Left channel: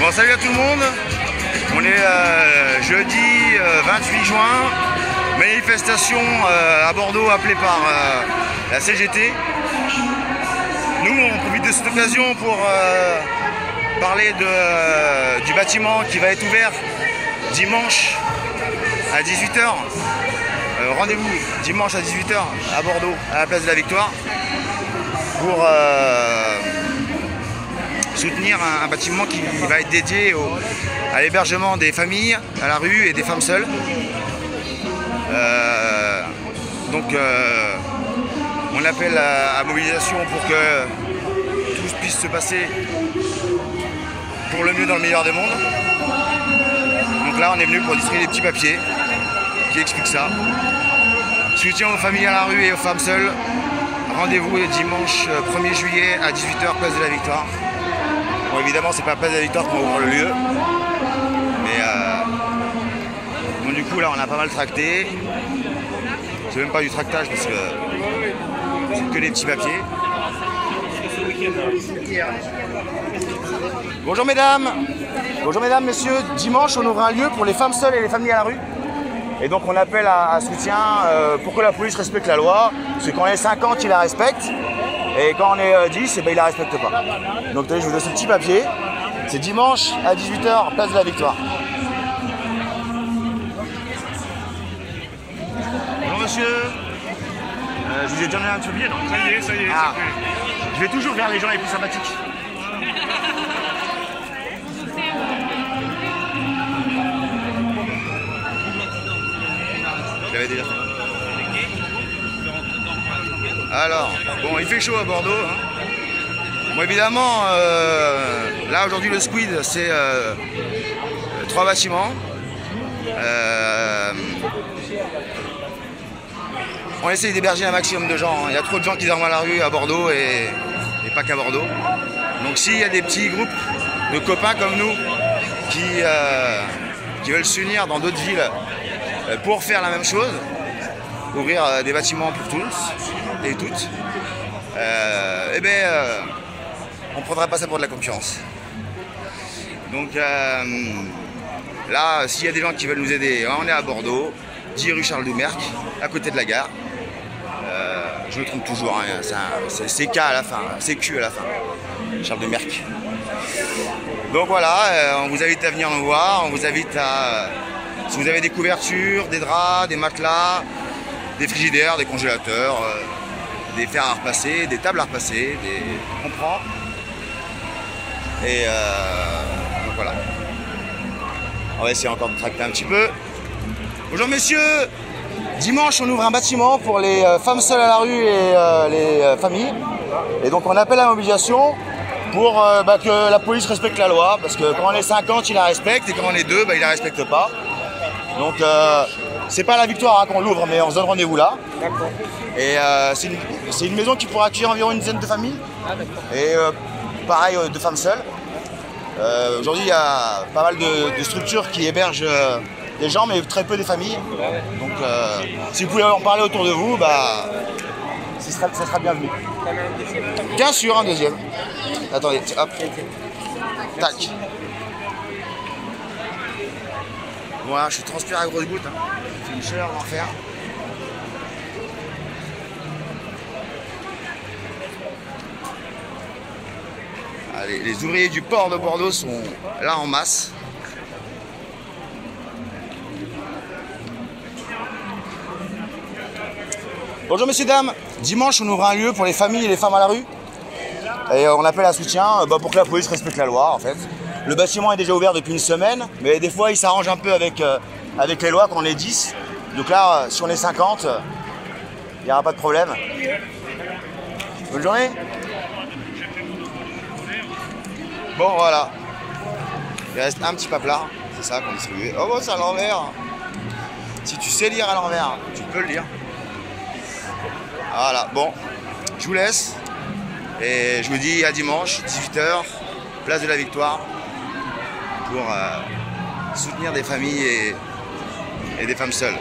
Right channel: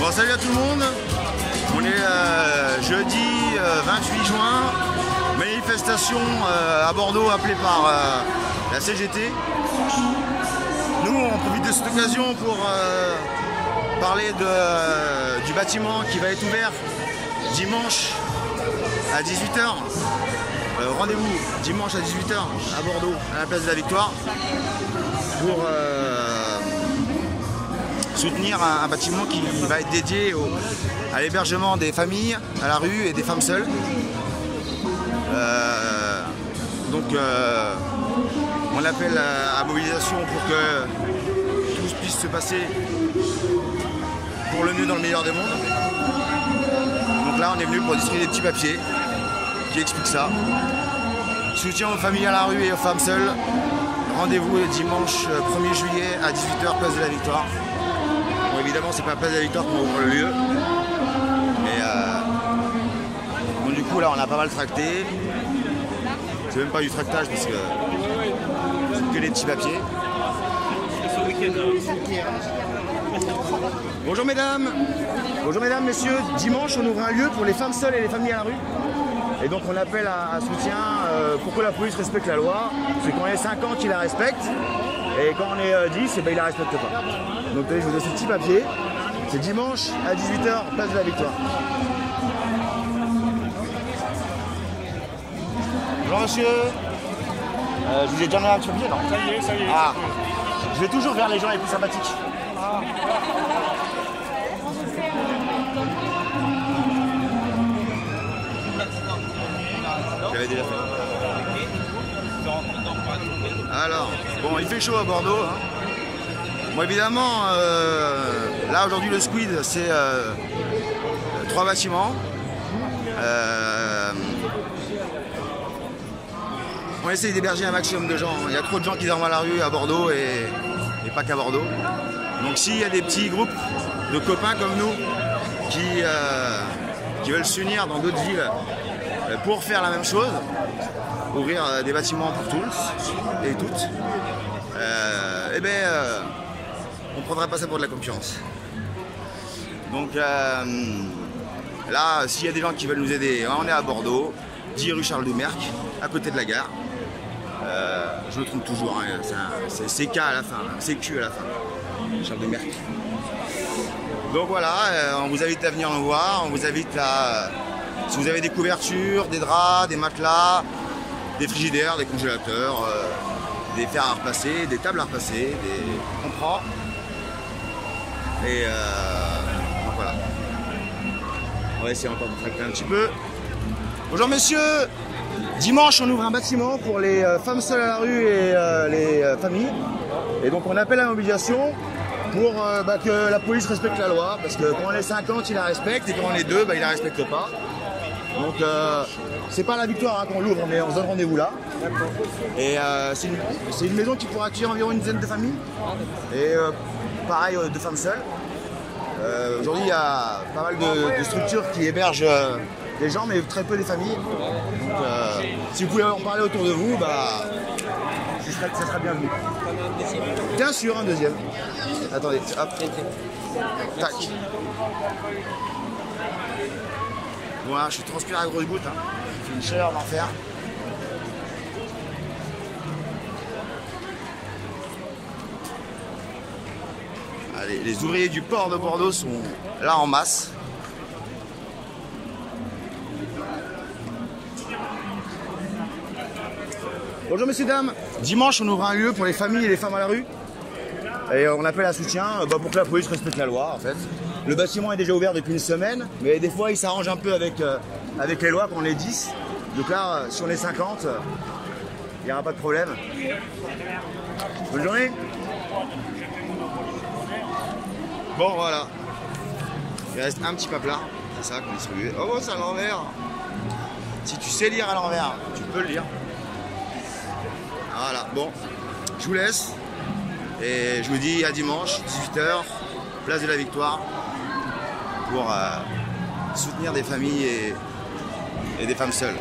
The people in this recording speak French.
Bon, salut à tout le monde. On est jeudi 28 juin. Manifestation à Bordeaux appelée par la CGT. Nous, on profite de cette occasion pour parler du bâtiment qui va être ouvert dimanche à 18 h. Rendez-vous dimanche à 18 h à Bordeaux, à la place de la Victoire, pour soutenir un bâtiment qui va être dédié à l'hébergement des familles à la rue et des femmes seules. On appelle à mobilisation pour que tout puisse se passer pour le mieux dans le meilleur des mondes. Donc là, on est venu pour distribuer des petits papiers qui expliquent ça. Soutien aux familles à la rue et aux femmes seules. Rendez-vous dimanche 1er juillet à 18 h, place de la Victoire. Bon, évidemment, c'est pas la place de la Victoire qu'on va ouvrir le lieu. Mais bon, du coup, là, on a pas mal tracté. C'est même pas du tractage parce que c'est que des petits papiers. Bonjour mesdames, messieurs. Dimanche, on ouvre un lieu pour les femmes seules et les familles à la rue. Et donc on appelle à soutien pour que la police respecte la loi. C'est quand on est 50, il la respecte. Et quand on est 10, eh ben, il la respecte pas. Donc je vous donne ce petit papier. C'est dimanche à 18 h, place de la Victoire. Bonjour monsieur. Je vous ai déjà donné un petit papier, non? Ça y est, Ah. Je vais toujours vers les gens les plus sympathiques. Je l'avais déjà fait. Alors, bon, il fait chaud à Bordeaux. Hein. Bon, évidemment, là aujourd'hui le squid, c'est 3 bâtiments. On essaye d'héberger un maximum de gens. Il y a trop de gens qui dorment à la rue à Bordeaux et pas qu'à Bordeaux. Donc s'il y a des petits groupes de copains comme nous qui veulent s'unir dans d'autres villes pour faire la même chose, ouvrir des bâtiments pour tous et toutes, on ne prendra pas ça pour de la concurrence. Donc là, s'il y a des gens qui veulent nous aider, on est à Bordeaux, 10 rue Charles Doumerc, à côté de la gare. Je me trompe toujours, hein, c'est CK à la fin, CQ à la fin, Charles Doumerc. Donc voilà, on vous invite à venir nous voir, on vous invite à... Si vous avez des couvertures, des draps, des matelas, des frigidaires, des congélateurs, des fers à repasser, des tables à repasser, on prend. Et donc voilà. On va essayer encore de tracter un petit peu. Bonjour messieurs. Dimanche, on ouvre un bâtiment pour les femmes seules à la rue et les familles. Et donc on appelle à la mobilisation pour que la police respecte la loi. Parce que quand on est 50, il la respecte. Et quand on est 2, il la respecte pas. Donc c'est pas la Victoire hein, qu'on l'ouvre, mais on se donne rendez-vous là. Et c'est une maison qui pourra accueillir environ une dizaine de familles. Et pareil de femmes seules. Aujourd'hui il y a pas mal de structures qui hébergent des gens, mais très peu des familles. Donc si vous pouvez en parler autour de vous, ça sera bienvenu. Bien sûr, un deuxième. Attendez, hop. Tac. Voilà, je suis transpiré à grosses gouttes. Hein. C'est une chaleur d'enfer. Allez, les ouvriers du port de Bordeaux sont là en masse. Bonjour messieurs, dames. Dimanche, on ouvre un lieu pour les familles et les femmes à la rue. Et on appelle à soutien pour que la police respecte la loi en fait. Le bâtiment est déjà ouvert depuis une semaine, mais des fois il s'arrange un peu avec les lois quand on est 10. Donc là, si on est 50, il n'y aura pas de problème. Bonne journée. Bon voilà. Il reste un petit paplard, c'est ça qu'on distribue. Oh bon, c'est à l'envers. Si tu sais lire à l'envers, tu peux le lire. Voilà, bon, je vous laisse. Et je vous dis à dimanche, 18 h, place de la Victoire, pour soutenir des familles et des femmes seules.